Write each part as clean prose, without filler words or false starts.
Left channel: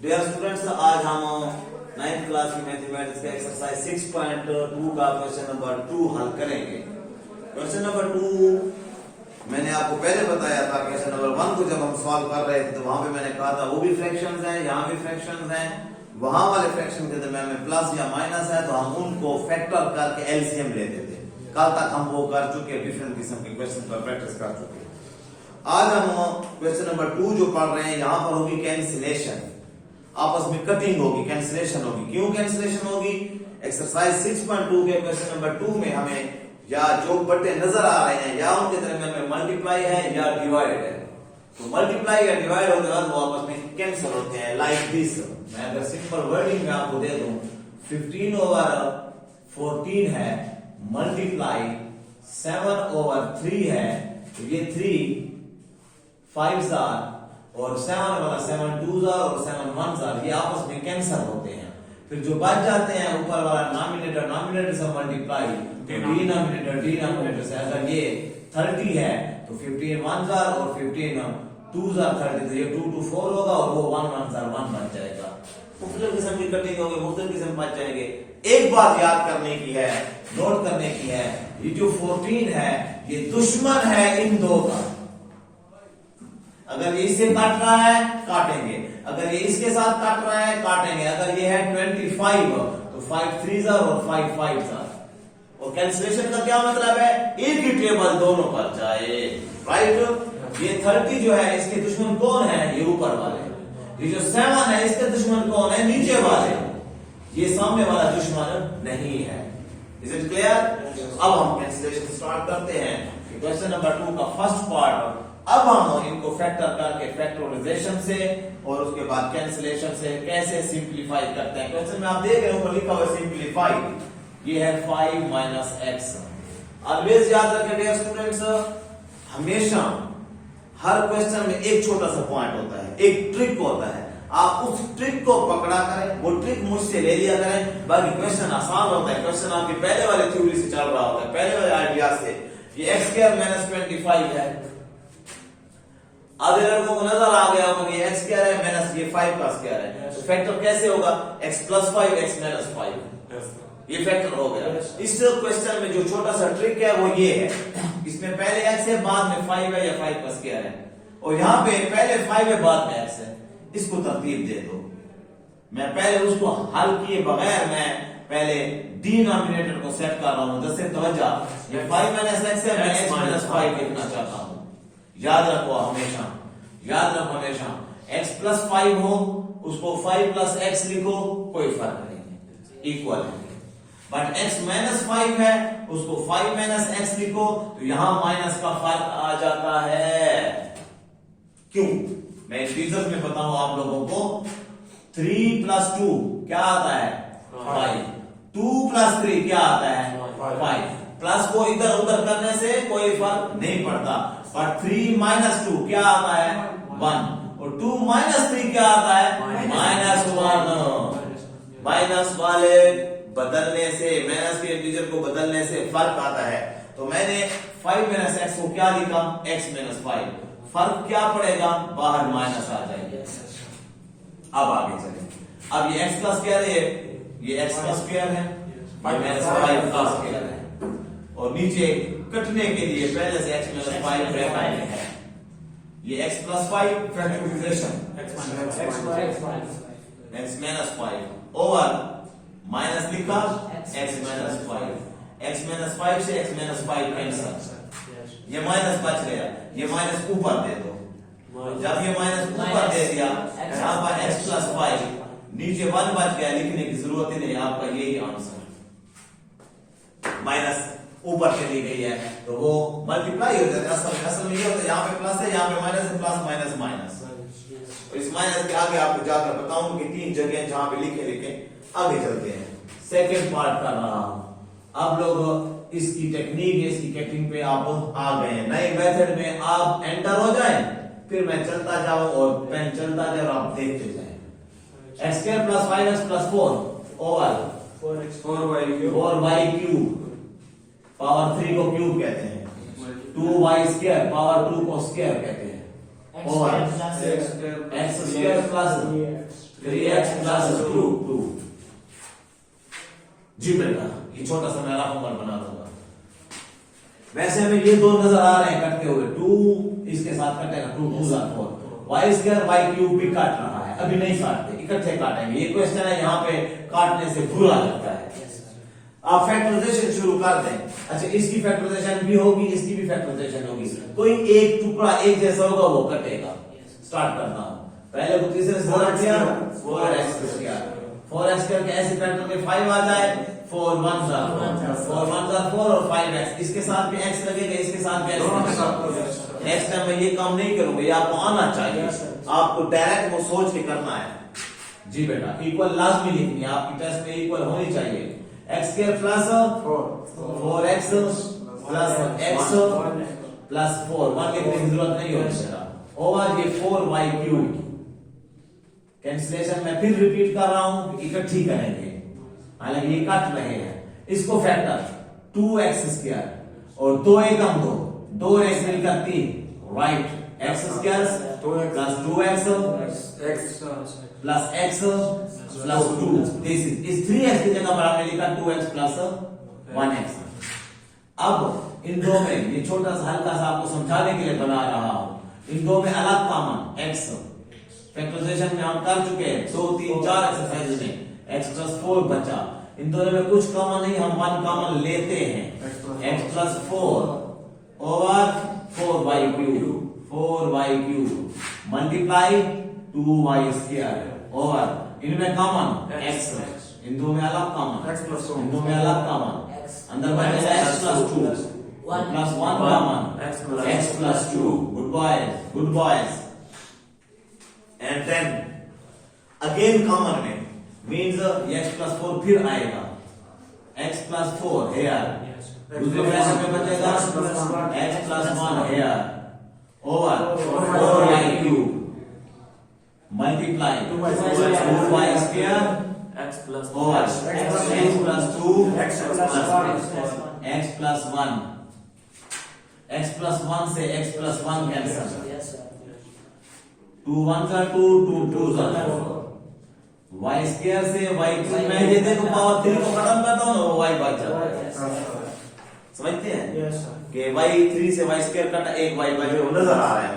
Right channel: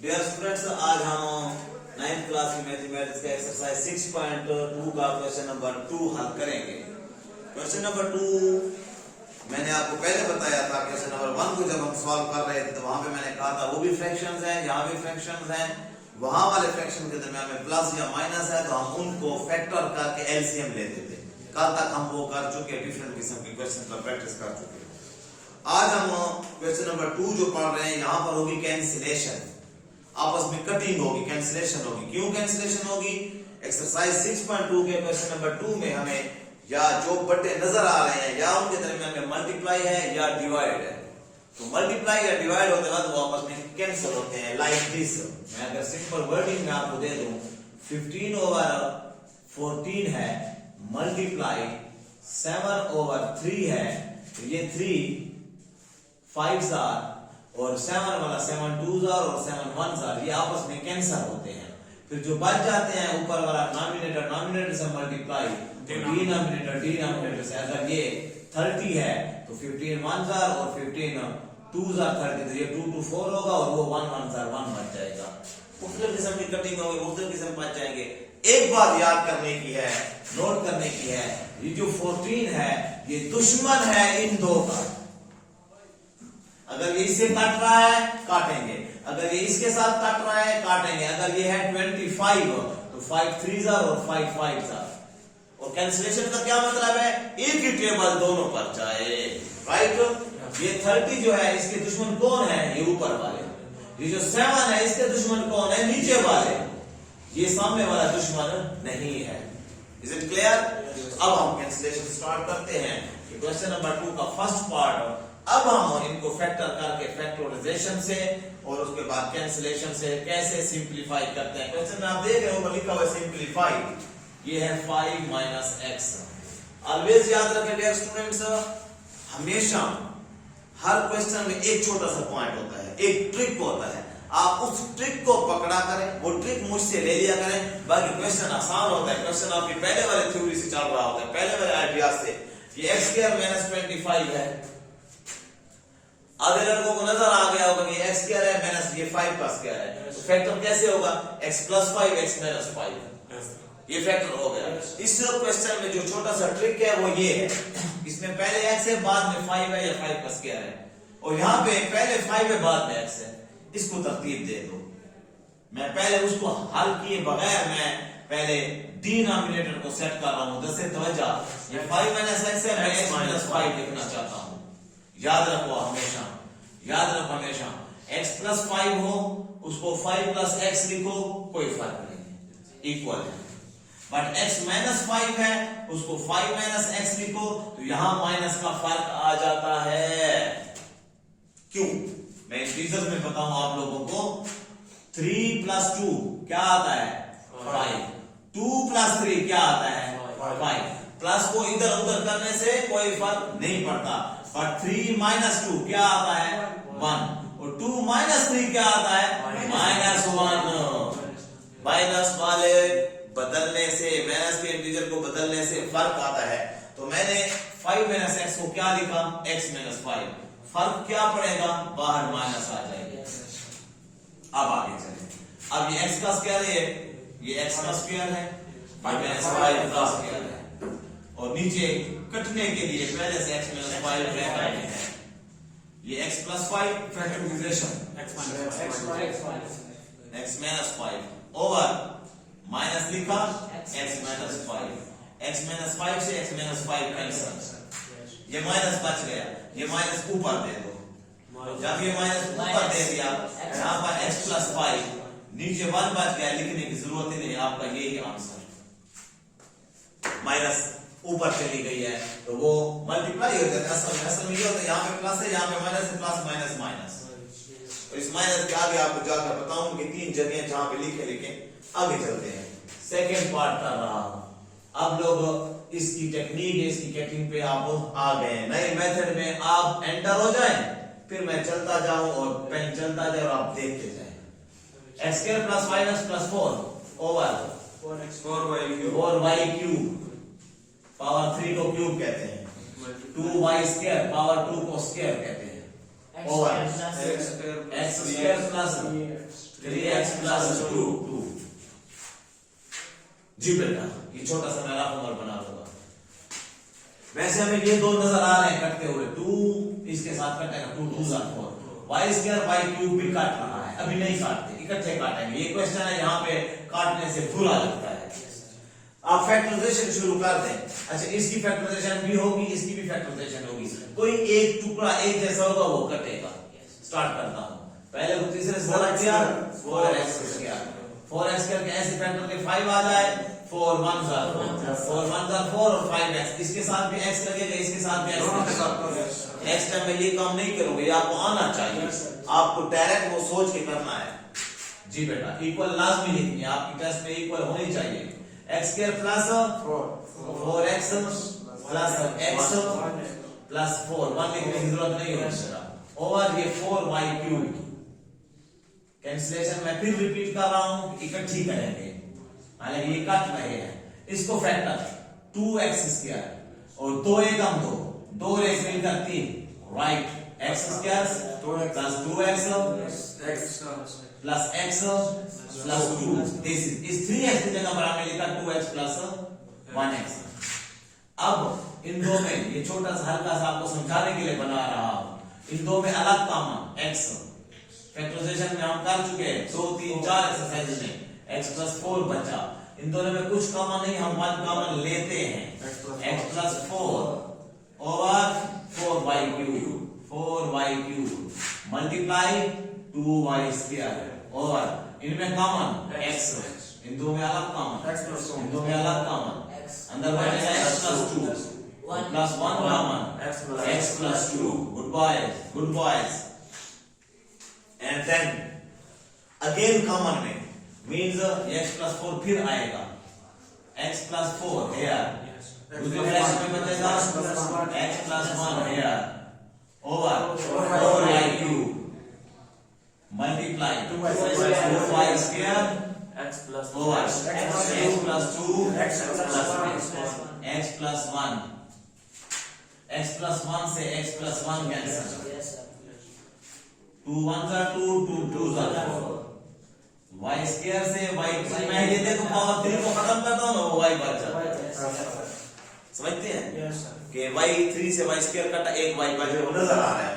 Dear students, आज हम 9th class की मैथमेटिक्स का एक्सरसाइज 6.2 का क्वेश्चन नंबर 2 हल करेंगे। क्वेश्चन नंबर 2 मैंने आपको पहले बताया था। क्वेश्चन नंबर 1 को जब हम सॉल्व कर रहे थे तो वहां पे मैंने कहा था वो भी फ्रैक्शंस हैं, यहाँ भी फ्रैक्शंस हैं। वहां वाले फ्रैक्शन के दरमियान में प्लस या माइनस है तो हम उनको फैक्टर करके एलसीएम लेते थे। कल तक हम वो कर चुके, डिफरेंट किस्म के क्वेश्चन पर प्रैक्टिस कर चुके। आज हम क्वेश्चन नंबर 2 जो पढ़ रहे हैं, यहाँ पर होगी कैंसिलेशन, आपस में कटिंग होगी, कैंसिलेशन होगी। क्यों कैंसिलेशन होगी? एक्सरसाइज 6.2 के क्वेश्चन नंबर 2 में हमें या जो बटे नजर आ रहे हैं या उनके दरमियान में मल्टीप्लाई है या डिवाइड है, तो मल्टीप्लाई या डिवाइड होने के बाद वो आपस में कैंसिल होते हैं। लाइक दिस, मैं अगर सिंपल वर्डिंग में आपको दे दूं 15/14 है मल्टीप्लाई 7/3 है, तो ये 3 5s और 7 वाला 7 2s और 7 1s ये आपस में कैंसिल होते हैं। फिर जो बच जाते हैं ऊपर वाला डिनोमिनेटर से मल्टीप्लाई, डिनोमिनेटर से अगर ये 30 है तो 15 1s और 15 2s 30, तो ये 2 2 4 होगा और वो 1 1s 1 बच जाएगा। मुख्तलिफ किस्म की कटिंग होगी, मुख्तलिफ किस्म बच जाएंगे। एक बात याद करने की है, नोट करने की है, ये जो 14 है ये दुश्मन है इन दो का। अगर ये इससे काट रहा है काटेंगे, अगर ये इसके साथ काट रहा है काटेंगे। अगर ये है 25 तो 5 3s और 5 5s। और कैंसिलेशन का क्या मतलब है? एक ही टेबल दोनों पर जाए, राइट। ये 30 जो है इसके दुश्मन कौन है? ये ऊपर वाले। ये जो 7 है इसके दुश्मन कौन है? नीचे वाले। ये सामने वाला दुश्मन नहीं है। Is it clear? अब हम कैंसिलेशन स्टार्ट करते हैं। क्वेश्चन नंबर 2 का फर्स्ट पार्ट। अब हम इनको फैक्टर करके फैक्टराइजेशन से और उसके बाद कैंसिलेशन से कैसे सिंपलीफाई करते हैं। क्वेश्चन में आप देख रहे हो लिखा हुआ सिंपलीफाई, ये है 5 - x। ऑलवेज याद रखें डियर स्टूडेंट्स, हमेशा हर क्वेश्चन में एक छोटा सा पॉइंट होता है, एक ट्रिक होता है। आप उस ट्रिक को पकड़ा करें, वो ट्रिक मुझसे ले लिया करें, बाकी क्वेश्चन आसान होता है। क्वेश्चन आपकी पहले वाले थ्योरी से चल रहा होता है, पहले वाले आइडिया से। ये x² - 25 है। आधे लड़कों को नजर आ गया होगा ये x क्या है माइनस ये 5 का स्क्वायर है, तो फैक्टर कैसे होगा? x + 5 x - 5, ये फैक्टर हो गया। इस क्वेश्चन में जो छोटा सा ट्रिक है वो ये है, इसमें पहले x है बाद में 5 है या 5 का स्क्वायर है, और यहाँ पे पहले 5 है बाद में x है। इसको तरतीब दे दो। मैं पहले उसको हल किए बगैर मैं पहले डिनोमिनेटर को सेट कर रहा हूं। जैसे तवज्जो, ये 5 - x है, मैं x - 5 लिखना चाहता हूं। याद रखो हमेशा, याद रखो हमेशा, x + 5 हो उसको 5 + x लिखो, कोई फर्क नहीं, इक्वल है। बट x - 5 है उसको 5 - x लिखो, तो यहां माइनस का फर्क आ जाता है। क्यों? मैं इस रीजन में बताऊं आप लोगों को। 3 + 2 क्या आता है? 5। 2 + 3 क्या आता है? 5। प्लस को इधर उधर करने से कोई फर्क नहीं पड़ता। और 3 - 2 क्या आता है? 1। और 2 - 3 क्या आता है? -1। माइनस वाले बदलने से, माइनस के इंटीजर को बदलने से फर्क आता है। तो मैंने 5 - x को क्या लिखा? x - 5। फर्क क्या पड़ेगा? बाहर माइनस आ जाएगा। अब आगे चलें। अब ये x का स्क्वायर है, ये x का स्क्वायर है, -5 का स्क्वायर है, और नीचे कटने के लिए पहले से x - 5 ब्रैकेट में है। ये x + 5 factorisation x - 5 over minus लिखा x - 5। x - 5 से x - 5 कैंसिल, ये माइनस बच गया, ये माइनस ऊपर दे दो। जब ये माइनस ऊपर दे दिया, यहां पर x + 5 नीचे 1 बच गया, लिखने की जरूरत ही नहीं, आपका यही आंसर। माइनस ऊपर चली गई है तो वो मल्टीप्लाई हो जाता है। असल में ये होता है, यहाँ पे प्लस है, यहाँ पे माइनस है, प्लस माइनस माइनस। तो इस माइनस के आगे आपको जाकर बताऊं कि 3 जगह जहां पे लिखे आगे चलते हैं। सेकेंड पार्ट कर रहा हूं। अब लोग इसकी टेक्निक, इसकी कटिंग पे आप आ गए हैं। नए मेथड में आप एंटर हो जाएं, फिर मैं चलता जाऊं और पेन चलता जाए और आप देखते जाएं। x² + 5x + 4 over 4y³ power 3 को क्यूब कहते हैं, 2y² पावर 2 को स्क्वायर कहते हैं, ओवर x² + 3x प्लस 2 जी बेटा, ये छोटा सा मैं फॉर्मूला बना लूंगा। वैसे हमें ये दो नजर आ रहे हैं कटते हुए, 2 इसके साथ कटेगा, 2 2 4 y स्क्वायर y क्यूब भी काट रहा है, अभी नहीं काटते, इकट्ठे काटेंगे। ये क्वेश्चन है, यहाँ पे काटने से बुरा लगता है। आप फैक्टराइजेशन शुरू कर दें। अच्छा, इसकी फैक्टराइजेशन भी होगी, इसकी भी फैक्टराइजेशन होगी, कोई एक टुकड़ा एक जैसा होगा वो कटेगा। स्टार्ट करता हूं, पहले को तीसरे से जोड़ दिया 4x स्क्वायर, 4x करके ऐसे फैक्टर के 5 आ जाए, 4 1 4 और 5x, इसके साथ भी x लगेगा, इसके साथ भी x। नेक्स्ट टाइम मैं ये काम नहीं करूंगा, ये आपको आना चाहिए, आपको डायरेक्ट वो सोच के करना है। जी बेटा, इक्वल लाजमी लिखनी है आपकी टेस्ट में, इक्वल होनी चाहिए। x square plus 4x plus x plus 4, 1 लिखने की जरूरत नहीं होती बेटा, ओवर ये 4y क्यूब। कैंसिलेशन मैं फिर रिपीट कर रहा हूं, इकट्ठी करेंगे, हालांकि ये कट रहे हैं। इसको फैक्टर 2x स्क्वायर और 2 एकम 2 एक मिलकर 3, right, x square plus 2x plus x plus 2, this is 3x की जगह पर हमने लिखा 2x प्लस 1x। अब इन दो में ये छोटा सा हल्का सा आपको समझाने के लिए बना रहा हूं, इन दो में अलग कॉमन x फैक्टराइजेशन में हम कर चुके हैं 2 3 4 एक्सरसाइज में, x प्लस 4 बचा। इन दोनों में कुछ कॉमन नहीं, हम 1 कॉमन लेते हैं, x plus 4 over 4y cube multiply 2y square over, इनमें कॉमन x, इन दो में अलग कॉमन x प्लस 2, इन दो में अलग कॉमन अंदर बचेगा x plus 2 plus 1 common x plus 2। Good boys. And then again common में मीन्स x प्लस 4 फिर आएगा, x प्लस 4 हेयर, दूसरे फ्रैक्शन में बचेगा x plus 1 here over 4y cube multiply 2y square x plus over x plus 2 x plus 1, x plus 1 से x plus 1 cancel, 2 1 2 2 2 4, y square से y cube में ये देखो पावर 3 को खत्म करता हूं ना, y बच जाता है। समझते हैं कि y 3 से y स्क्वायर कटा, एक y बच रहा नजर आ रहा है।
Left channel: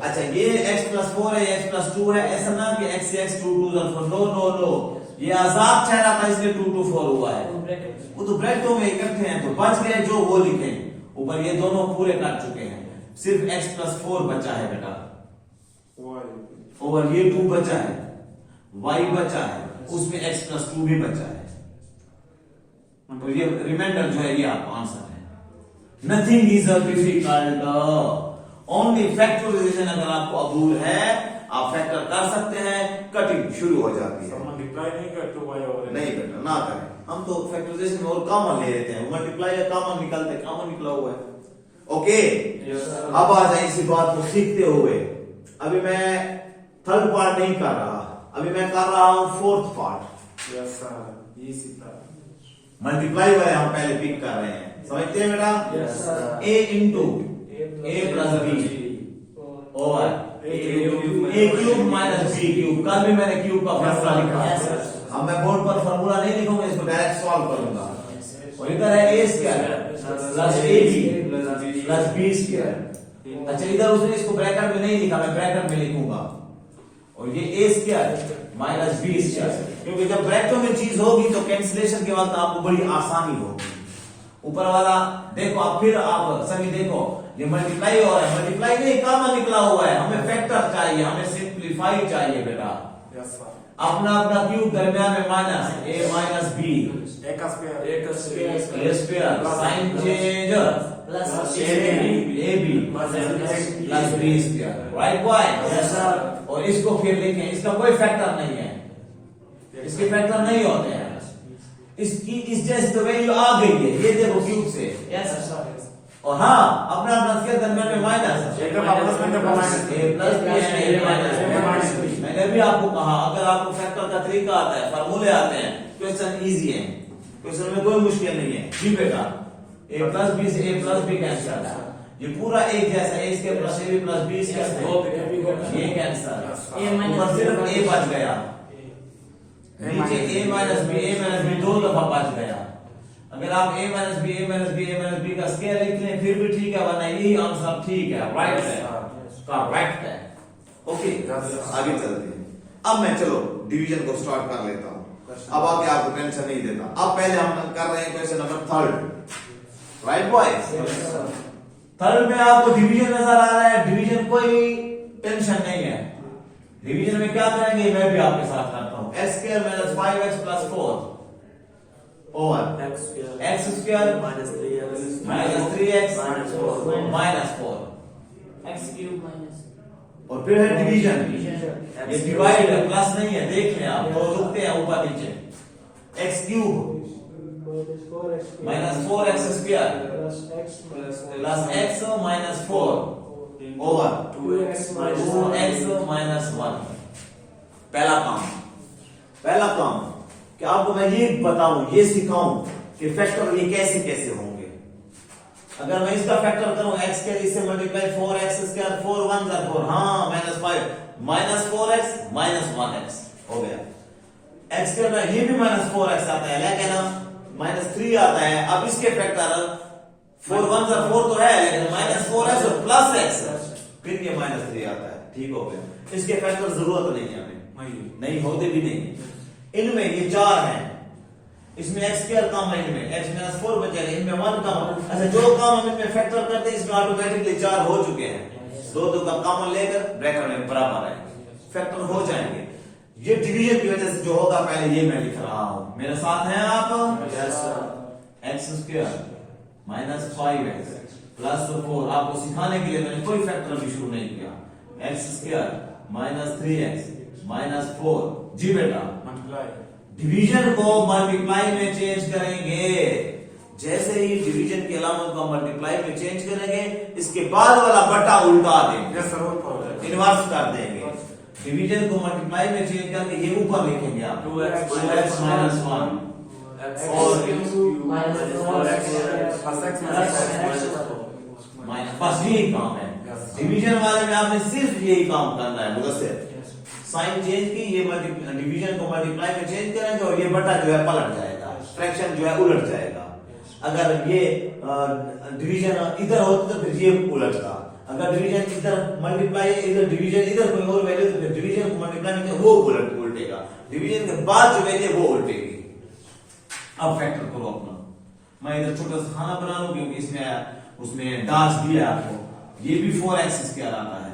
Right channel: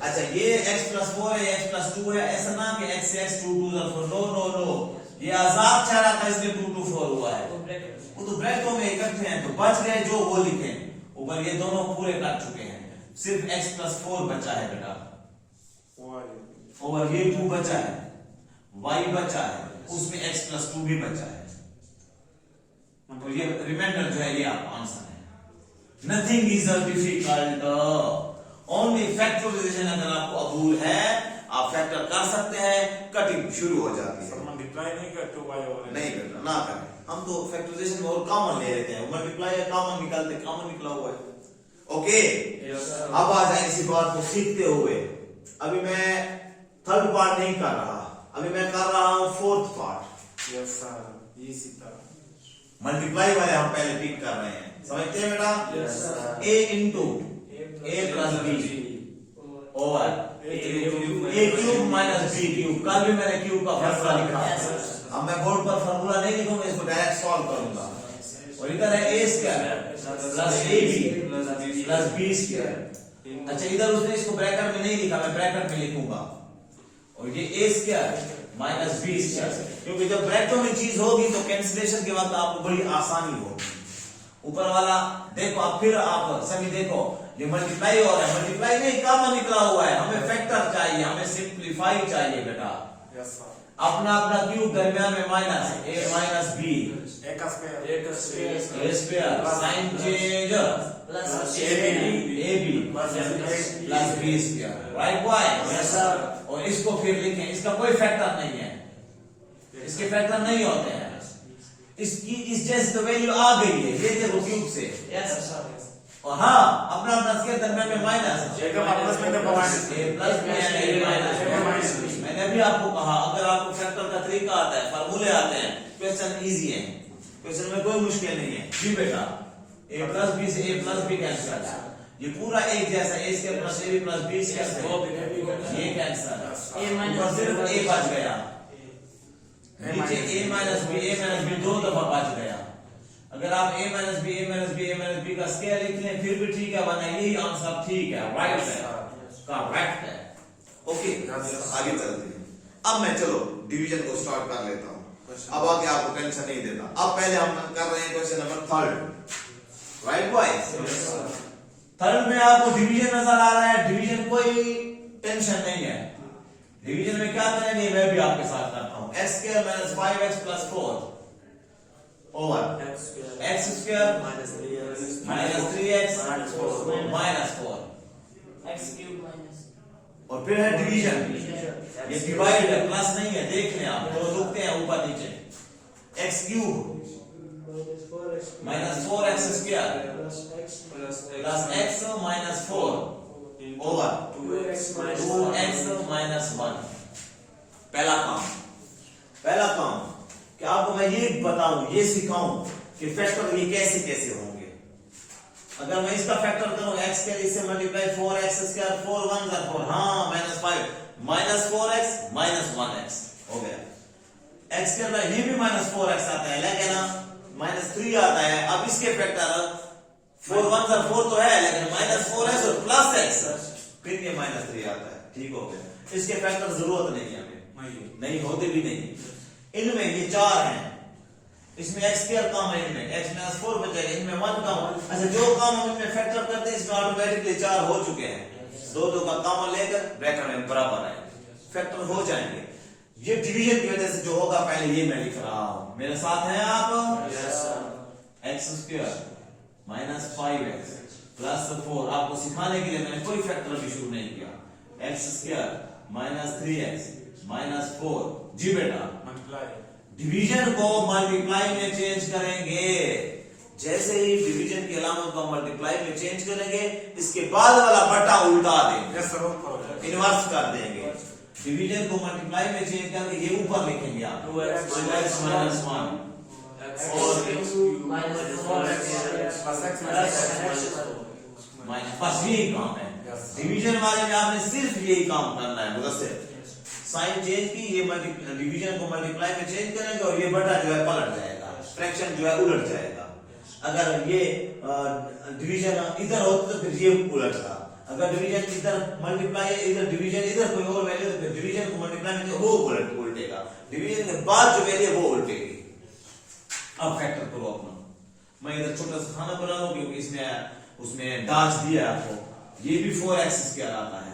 अच्छा, ये x प्लस 4 है, x प्लस 2 है, ऐसा ना कि x से x 2 2 4, नो, ये आजाद चेहरा था इसलिए 2 2 4 हुआ है, वो तो ब्रैकेटों में इकट्ठे हैं तो बच गए जो वो लिखे ऊपर, ये दोनों पूरे कट चुके हैं, सिर्फ x प्लस 4 बचा है बेटा, ओवर ये 2 बचा है, y बचा है, उसमें x प्लस 2 भी बचा है, तो ये रिमाइंडर जो है ये आपका आंसर है। Nothing is difficult, only factorisation अगर आपको अबूल है आप फैक्टर कर सकते हैं, कटिंग शुरू हो जाती है। मल्टीप्लाई नहीं कर 2y ओवर नहीं बेटा ना करें, हम तो फैक्टराइजेशन में और कॉमन ले लेते हैं, मल्टीप्लाई या कॉमन निकालते, कॉमन निकला हुआ है। ओके, अब आ जाए इसी बात को सीखते हुए। अभी मैं थर्ड पार्ट नहीं कर रहा, अभी मैं कर रहा हूं फोर्थ पार्ट। यस सर, ये सीधा मल्टीप्लाई वाले हम पहले पिक कर रहे हैं, समझते हैं बेटा? Yes sir. a into a plus B over a cube minus b cube, कल भी मैंने क्यूब का फॉर्मूला लिखा, अब मैं बोर्ड पर फॉर्मूला नहीं लिखूंगा, इसको डायरेक्ट सॉल्व करूंगा। और इधर है a square plus ab plus b square. अच्छा, इधर उसने इसको ब्रैकेट में नहीं लिखा, मैं ब्रैकेट में लिखूंगा, और ये a square minus b square, क्योंकि जब ब्रैकेटों में चीज होगी तो कैंसिलेशन के वक्त आपको बड़ी आसानी होगी। ऊपर वाला देखो, अब फिर आप सभी देखो, ये मल्टीप्लाई हो रहा है, मल्टीप्लाई नहीं कॉमन निकला हुआ है, हमें फैक्टर चाहिए, हमें सिंप्लीफाई चाहिए बेटा। Yes sir. अपना अपना क्यूब दरमियान में minus a minus b, a का square a square, sign change plus ab plus b square, right boy? Yes sir. और इसको फिर लिखें, इसका कोई फैक्टर नहीं है, इसके फैक्टर नहीं होते हैं, इसकी इस जैसे तो वैल्यू आ गई है, ये देखो क्यूब से। Yes sir. और हाँ, अपना अपना स्क्वायर दरमियान में माइनस, एक दफा प्लस में दफा माइनस, a प्लस b है, a माइनस b। मैंने भी आपको कहा अगर आपको फैक्टर का तरीका आता है, फार्मूले आते हैं, क्वेश्चन इजी है, क्वेश्चन में कोई मुश्किल नहीं है। जी बेटा, a प्लस b से a प्लस b कैंसिल है, ये पूरा एक जैसा, a square plus ab plus b square, ये कैंसिल, ऊपर सिर्फ a बच गया, नीचे a माइनस बी दो दफा बच गया। अगर आप a माइनस बी का स्क्वायर लिख लें फिर भी ठीक है, वरना यही आंसर ठीक है, राइट है, करेक्ट है। ओके, आगे चलते हैं। अब मैं चलो डिवीजन को स्टार्ट कर लेता हूं, अब आगे आपको टेंशन नहीं देता। अब पहले हम कर रहे हैं question number 3, right boys. Third में आपको डिवीजन नजर आ रहा है, डिवीजन कोई टेंशन नहीं है। डिवीजन में क्या करेंगे मैं भी आपके साथ करता हूं। x square minus 5x plus 4 over x square minus 3x minus 4 x cube minus और फिर है डिवीजन। ये डिवाइड है, प्लस नहीं है, देख लें आप तो रुकते हैं ऊपर नीचे। x cube minus 4x square plus x minus 4 over 2x minus 1। पहला काम कि आपको मैं ये बताऊं, ये सिखाऊं कि फैक्टर ये कैसे कैसे होंगे। अगर मैं इसका फैक्टर करूं x के इससे मल्टीप्लाई 4x स्क्वायर 4 1 जा 4, हाँ minus 5 minus 4x minus 1x हो गया। x के बाद ये भी माइनस 4x आता है, लेकिन माइनस 3 आता है। अब इसके फैक्टर 4 1 जा 4 तो है, लेकिन माइनस 4x और प्लस x फिर ये माइनस 3 आता है, ठीक हो गया। इसके फैक्टर जरूरत नहीं है हमें, नहीं होते भी नहीं। इनमें ये 4 हैं, इसमें x स्क्वायर कम है, इनमें x माइनस 4 बचेगा, इनमें 1 कम। अच्छा, जो काम हम इनमें फैक्टर करते हैं इसमें ऑटोमेटिकली 4 हो चुके हैं। दो का कॉमन लेकर ब्रैकेट में बराबर है, फैक्टर हो जाएंगे। ये डिवीजन की वजह से जो होगा, पहले ये मैं लिख रहा हूं, मेरे साथ हैं आप। x square minus 5x plus 4, आपको सिखाने के लिए मैंने कोई फैक्टर भी शुरू नहीं किया। x square minus 3x minus 4 जी बेटा, डिवीजन को मल्टीप्लाई में चेंज करेंगे। जैसे ही डिवीजन के अलावा को मल्टीप्लाई में चेंज करेंगे, इसके बाद वाला बटा उल्टा देंगे, इन्वर्स कर देंगे। डिवीजन को मल्टीप्लाई में चेंज करके ये ऊपर लिखेंगे आप 2x माइनस 1 और बस यही काम है। डिवीजन वाले में आपने सिर्फ यही काम करना है, मुदस्सिर। साइन चेंज की, ये डिवीजन को मल्टीप्लाई में चेंज करेंगे और ये बटा जो है पलट जाएगा, फ्रैक्शन जो है उलट जाएगा। अगर ये डिवीजन इधर होता तो फिर ये उलटता। अगर डिवीजन इधर मल्टीप्लाई इधर डिवीजन इधर कोई और वैल्यू तो फिर डिवीजन को मल्टीप्लाई में वो उल्टेगा, डिवीजन के बाद जो वैल्यू वो उल्टेगी। अब फैक्टर करो अपना। मैं इधर छोटा सा खाना बना लूं क्योंकि इसमें उसमें डांस दिया है आपको। ये भी 4x स्क्वायर आता है,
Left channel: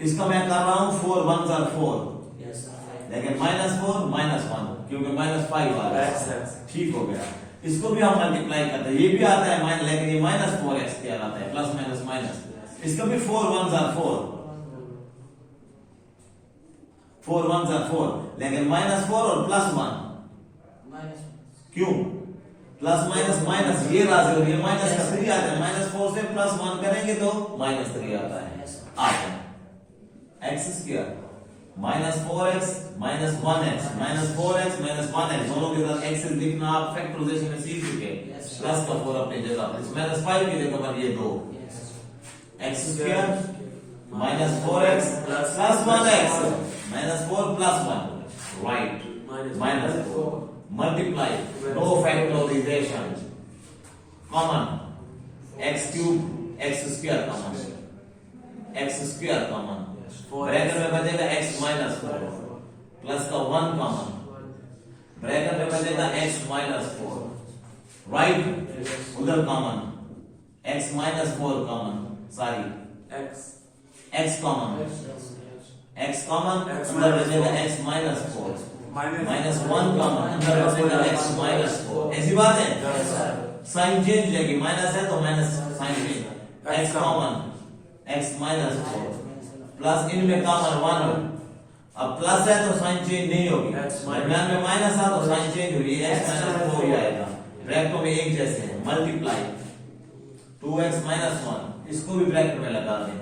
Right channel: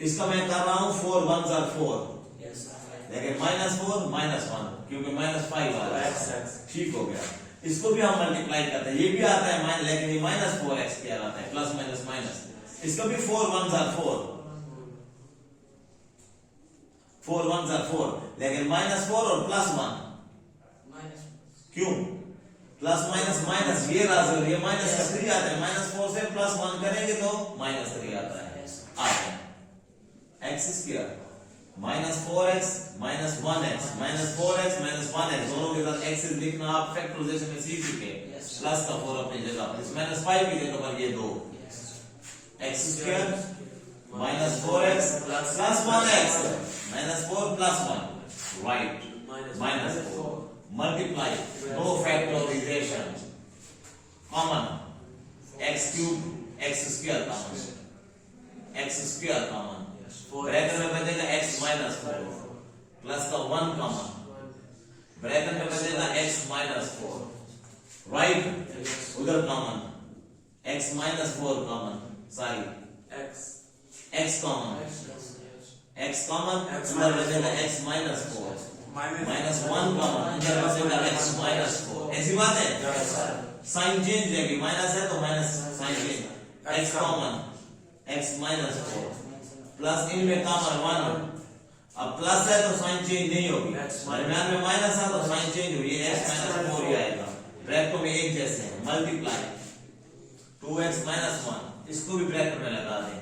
इसका मैं कर रहा हूं 4 1 जा 4, लेकिन माइनस 4 माइनस 1 क्योंकि माइनस 5 आ रहा है, ठीक हो गया। इसको भी हम मल्टीप्लाई करते हैं, ये भी आता है माइनस, लेकिन ये माइनस 4x स्क्वायर आता है, प्लस माइनस माइनस। इसका भी 4 1 जा 4 लेकिन माइनस 4 और प्लस 1 क्यों? प्लस माइनस माइनस, ये राशि और ये माइनस का 3 आता है, माइनस 4 से प्लस 1 करेंगे तो माइनस 3 आता है। x square minus 4x minus 1x minus 4x minus 1x, दोनों के साथ x लिखना आप फैक्टराइजेशन में सीख चुके। प्लस का 4 अपनी जगह पर, माइनस 5 की जगह पर ये 2। x square minus 4x plus 1x minus 4 plus 1, right, minus 4 multiply, no factorisation, common x cube x square common, bracket में बचेगा x माइनस 4 प्लस का 1 कॉमन, ब्रैकेट में बचेगा x माइनस 4, राइट, उधर common x minus 4 common, sorry x common, उधर बचेगा x minus 4 minus 1 common, उधर बचेगा x माइनस 4। ऐसी बात है, साइन चेंज लेंगे, माइनस है तो minus sign change, x common x minus 4 plus इनमें कॉमन 1, अब प्लस है तो साइन चेंज नहीं होगी, दरम्यान में माइनस है तो साइन चेंज होगी, x माइनस 4 ही आएगा। ब्रैकेट में एक जैसे हैं, मल्टीप्लाई 2x माइनस 1, इसको भी ब्रैकेट में लगा दें,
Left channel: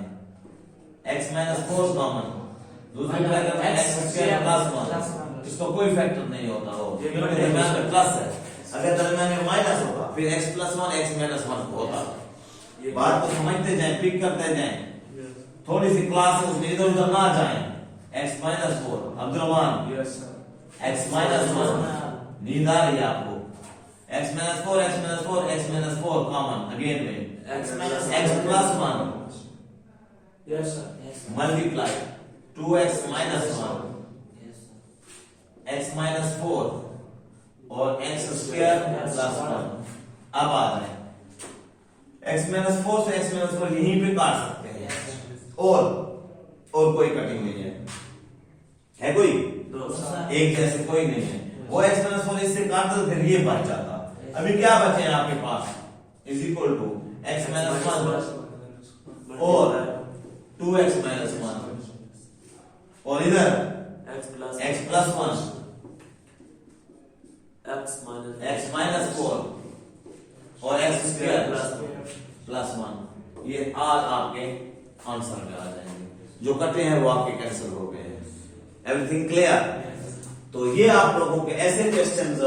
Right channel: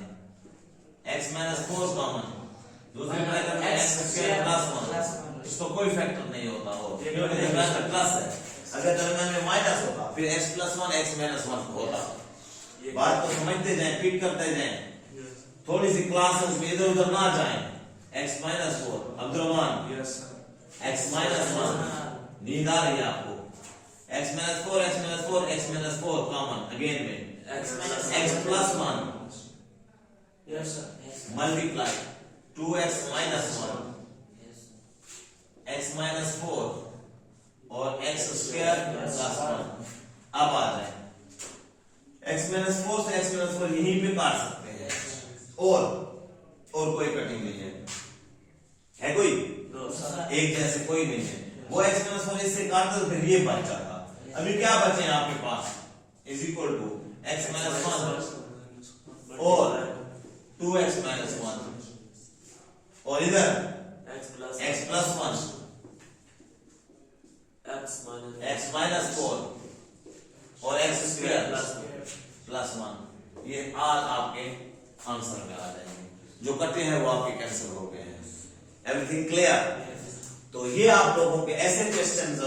x माइनस 4 कॉमन, दूसरे ब्रैकेट में x स्क्वायर प्लस 1, इसको कोई फैक्टर नहीं होता हो क्योंकि दरम्यान में प्लस है। अगर दरम्यान में माइनस होता फिर x प्लस 1 x माइनस 1 होता। बात को समझते जाएं, पिक करते जाएं, थोड़ी सी क्लास में इधर उधर ना जाएं। x minus 4 Abdul Rahman, x minus 1 नींद आ रही है आपको x minus 4 x minus 4 x minus 4 common again में X minus x plus 1 Yes, sir. Yes, sir. Multiply 2x minus 1 Yes, sir. x minus 4 और x स्क्वायर प्लस 1 अब आ जाए x माइनस 4 से x minus 4 यहीं पे काट सकते हैं और कोई कटिंग नहीं है कोई एक जैसे कोई नहीं है वो x माइनस 4 इससे काट दो फिर ये बच जाता अभी क्या बचे हैं आपके पास is equal to x minus 1 और 2x माइनस 1 और इधर x प्लस 1 x माइनस 4 और x स्क्वायर प्लस 1 ये ऑल आपके आंसर में आ जाएंगे जो कटे हैं वो आपके कैंसिल हो गए हैं एवरीथिंग क्लियर तो ये आप लोगों के ऐसे क्वेश्चंस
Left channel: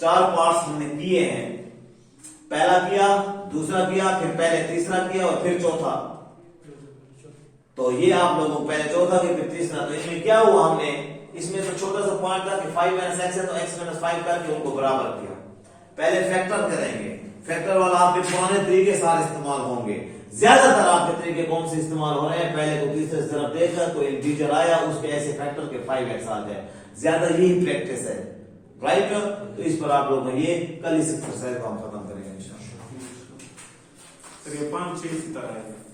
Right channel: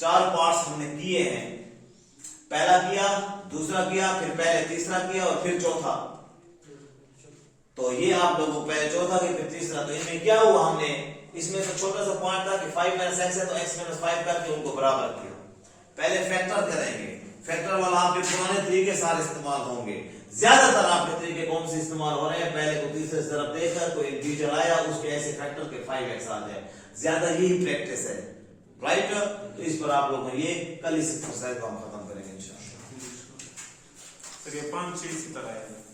4 पार्ट्स हमने किए हैं पहला किया दूसरा किया फिर पहले तीसरा किया और फिर चौथा तो ये आप लोगों को पहले चौथा किया फिर तीसरा तो इसमें क्या हुआ हमने इसमें तो छोटा सा पार्ट था कि 5 माइनस x है तो x माइनस 5 करके उनको बराबर किया पहले फैक्टर करेंगे फैक्टर वाला आपके पुराने तरीके सारे इस्तेमाल होंगे ज्यादातर आपके तरीके कौन से इस्तेमाल हो रहे हैं पहले को तीसरे तरफ देखा कोई इंटीजर आया उसके ऐसे फैक्टर के 5x आ जाए ज्यादा यही प्रैक्टिस है राइट तो इस पर आप लोग ये कल इस एक्सरसाइज को हम खत्म करेंगे इंशाल्लाह तो ये 5 6 इसी तरह है